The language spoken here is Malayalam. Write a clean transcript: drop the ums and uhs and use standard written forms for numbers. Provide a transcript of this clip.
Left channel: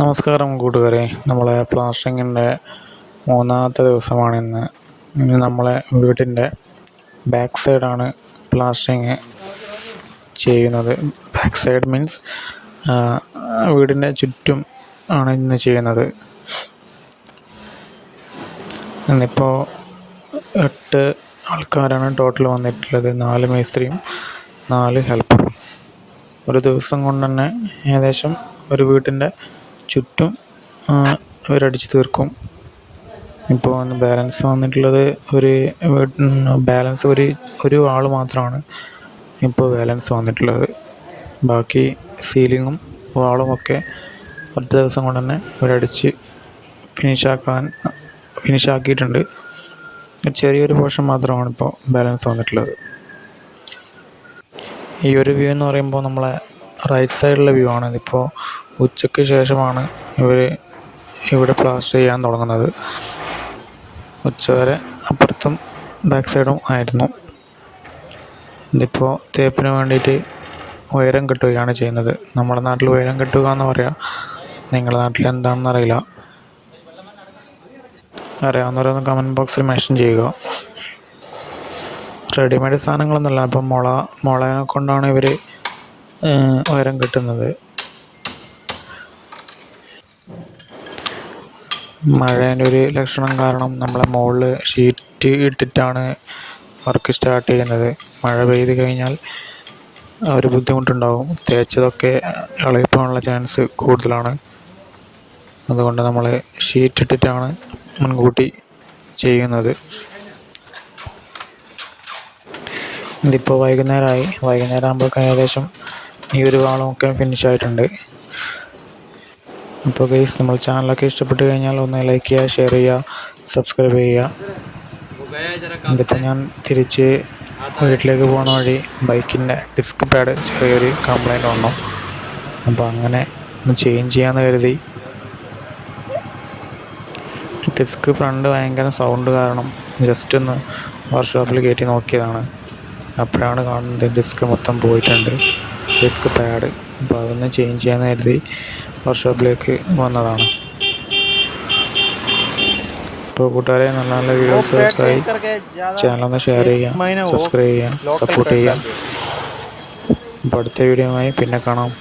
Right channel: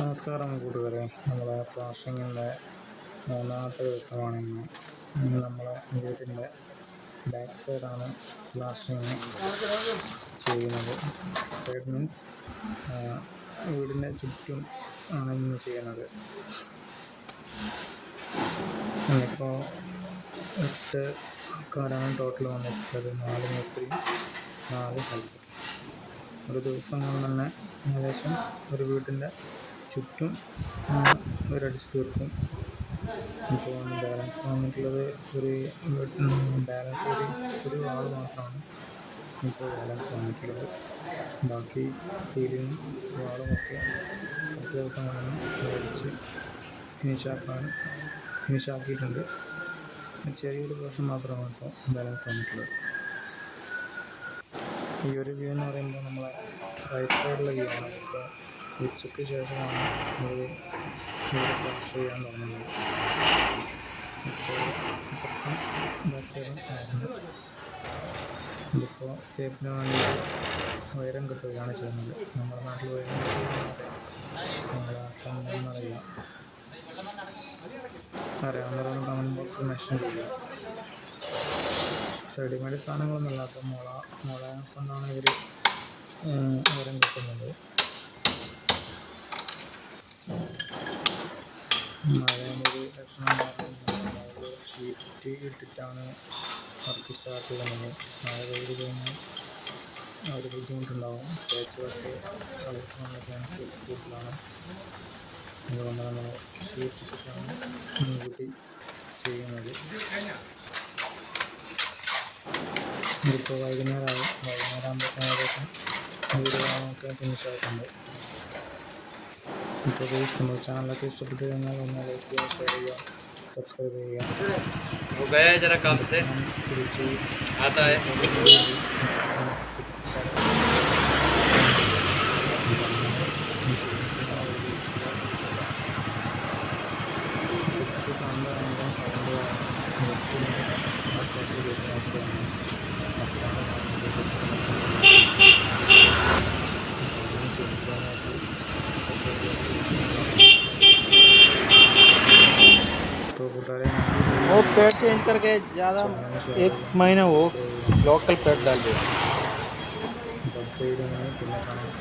നമസ്കാരം കൂട്ടുകാരെ, നമ്മളെ പ്ലാസ്റ്ററിങ്ങിൻ്റെ മൂന്നാമത്തെ ദിവസമാണ് ഇന്ന്. നമ്മളെ വീടിൻ്റെ ബാക്ക് സൈഡാണ് പ്ലാസ്റ്ററിങ് ചെയ്യുന്നത്. ബാക്ക് സൈഡ് മീൻസ് വീടിൻ്റെ ചുറ്റും ആണ് ഇന്ന് ചെയ്യുന്നത്. ഇന്നിപ്പോൾ 8 ആൾക്കാരാണ് ടോട്ടൽ വന്നിട്ടുള്ളത്. 4 മേസ്ത്രിയും 4 ഹെൽപ്പറും. ഒരു ദിവസം കൊണ്ട് തന്നെ ഏകദേശം ഒരു വീട്ടിൻ്റെ ചുറ്റും അവരടിച്ച് തീർക്കും. ഇപ്പോൾ ബാലൻസ് വന്നിട്ടുള്ളത് ഒരു ആൾ മാത്രമാണ് ഇപ്പോൾ ബാലൻസ് വന്നിട്ടുള്ളത്. ബാക്കി സീലിങ്ങും വാളുമൊക്കെ ഒറ്റ ദിവസം കൊണ്ട് തന്നെ അവരടിച്ച് ഫിനിഷാക്കിയിട്ടുണ്ട്. ചെറിയൊരു പോർഷൻ മാത്രമാണ് ഇപ്പോൾ ബാലൻസ് വന്നിട്ടുള്ളത്. ഈ ഒരു വ്യൂ എന്ന് പറയുമ്പോൾ നമ്മളെ റൈറ്റ് സൈഡിലെ വ്യൂ ആണ്. ഇതിപ്പോൾ ഉച്ചയ്ക്ക് ശേഷമാണ് ഇവിടെ പ്ലാസ്റ്റർ ചെയ്യാൻ തുടങ്ങുന്നത്. ഉച്ചവരെ അപ്പുറത്തും ബാക്ക് സൈഡും ആയിരുന്നു. ഇതിപ്പോൾ തേപ്പിന് വേണ്ടിയിട്ട് ഉയരം കെട്ടുകയാണ് ചെയ്യുന്നത്. നമ്മുടെ നാട്ടിൽ ഉയരം കെട്ടുക എന്ന് പറയാം. നിങ്ങളുടെ നാട്ടിൽ എന്താണെന്ന് അറിയില്ല. അറിയാവുന്നവരൊന്ന് കമൻറ്റ് ബോക്സിൽ മെൻഷൻ ചെയ്യുക. റെഡിമെയ്ഡ് സാധനങ്ങളൊന്നുമല്ല. അപ്പം മുളയെ കൊണ്ടാണ് ഇവർ ഉയരം കെട്ടുന്നത്. മഴേൻ്റെ ഒരു ലക്ഷണം കാരണം നമ്മളെ മുകളിൽ ഷീറ്റ് ഇട്ടിട്ടാണ് വർക്ക് സ്റ്റാർട്ട് ചെയ്യുന്നത്. മഴ പെയ്ത് കഴിഞ്ഞാൽ ഒരു ബുദ്ധിമുട്ടുണ്ടാകും. തേച്ചതൊക്കെ ഇളകിപ്പോകാനുള്ള ചാൻസ് കൂടുതലാണ്. അതുകൊണ്ട് നമ്മൾ ഷീറ്റ് ഇട്ടിട്ടാണ് മുൻകൂട്ടി ചെയ്യുന്നത്. ഇതിപ്പോൾ വൈകുന്നേരം ആകുമ്പോഴേക്കും ഏകദേശം ഈ ഒരു വാളമൊക്കെ ഫിനിഷായിട്ടുണ്ട്. അപ്പോൾ ഗൈസ്, നമ്മൾ ചാനലൊക്കെ ഇഷ്ടപ്പെട്ട് കഴിഞ്ഞാൽ ഒന്ന് ലൈക്ക് ചെയ്യുക, ഷെയർ ചെയ്യുക, സബ്സ്ക്രൈബ് ചെയ്യുക. ഇതിപ്പോൾ ഞാൻ തിരിച്ച് വീട്ടിലേക്ക് പോകുന്ന വഴി ബൈക്കിൻ്റെ ഡിസ്ക് പാഡ് ചെറിയൊരു കംപ്ലൈൻറ്റ് ഉണ്ട്. അപ്പോൾ അങ്ങനെ ഒന്ന് ചേഞ്ച് ചെയ്യാമെന്ന് കരുതി. ഡിസ്ക് ഫ്രണ്ട് ഭയങ്കര സൗണ്ട് കാരണം ജസ്റ്റ് ഒന്ന് വർക്ക്ഷോപ്പിൽ കയറ്റി നോക്കിയതാണ്. അപ്പോഴാണ് കാണുന്നത് ഡിസ്ക് മൊത്തം പോയിട്ടുണ്ട്, ഡിസ്ക് പാഡ്. അപ്പോൾ അതൊന്ന് ചേഞ്ച് ചെയ്യാമെന്ന് കരുതി വർക്ക്ഷോപ്പിലേക്ക് വന്നതാണ്. ഇപ്പോൾ കൂട്ടുകാരെ, നല്ല നല്ല വീഡിയോസൊക്കെയായി ചാനലൊന്ന് ഷെയർ ചെയ്യുക, സബ്സ്ക്രൈബ് ചെയ്യുക, സപ്പോർട്ട് ചെയ്യുക. അപ്പോൾ അടുത്ത വീഡിയോയുമായി പിന്നെ കാണാം.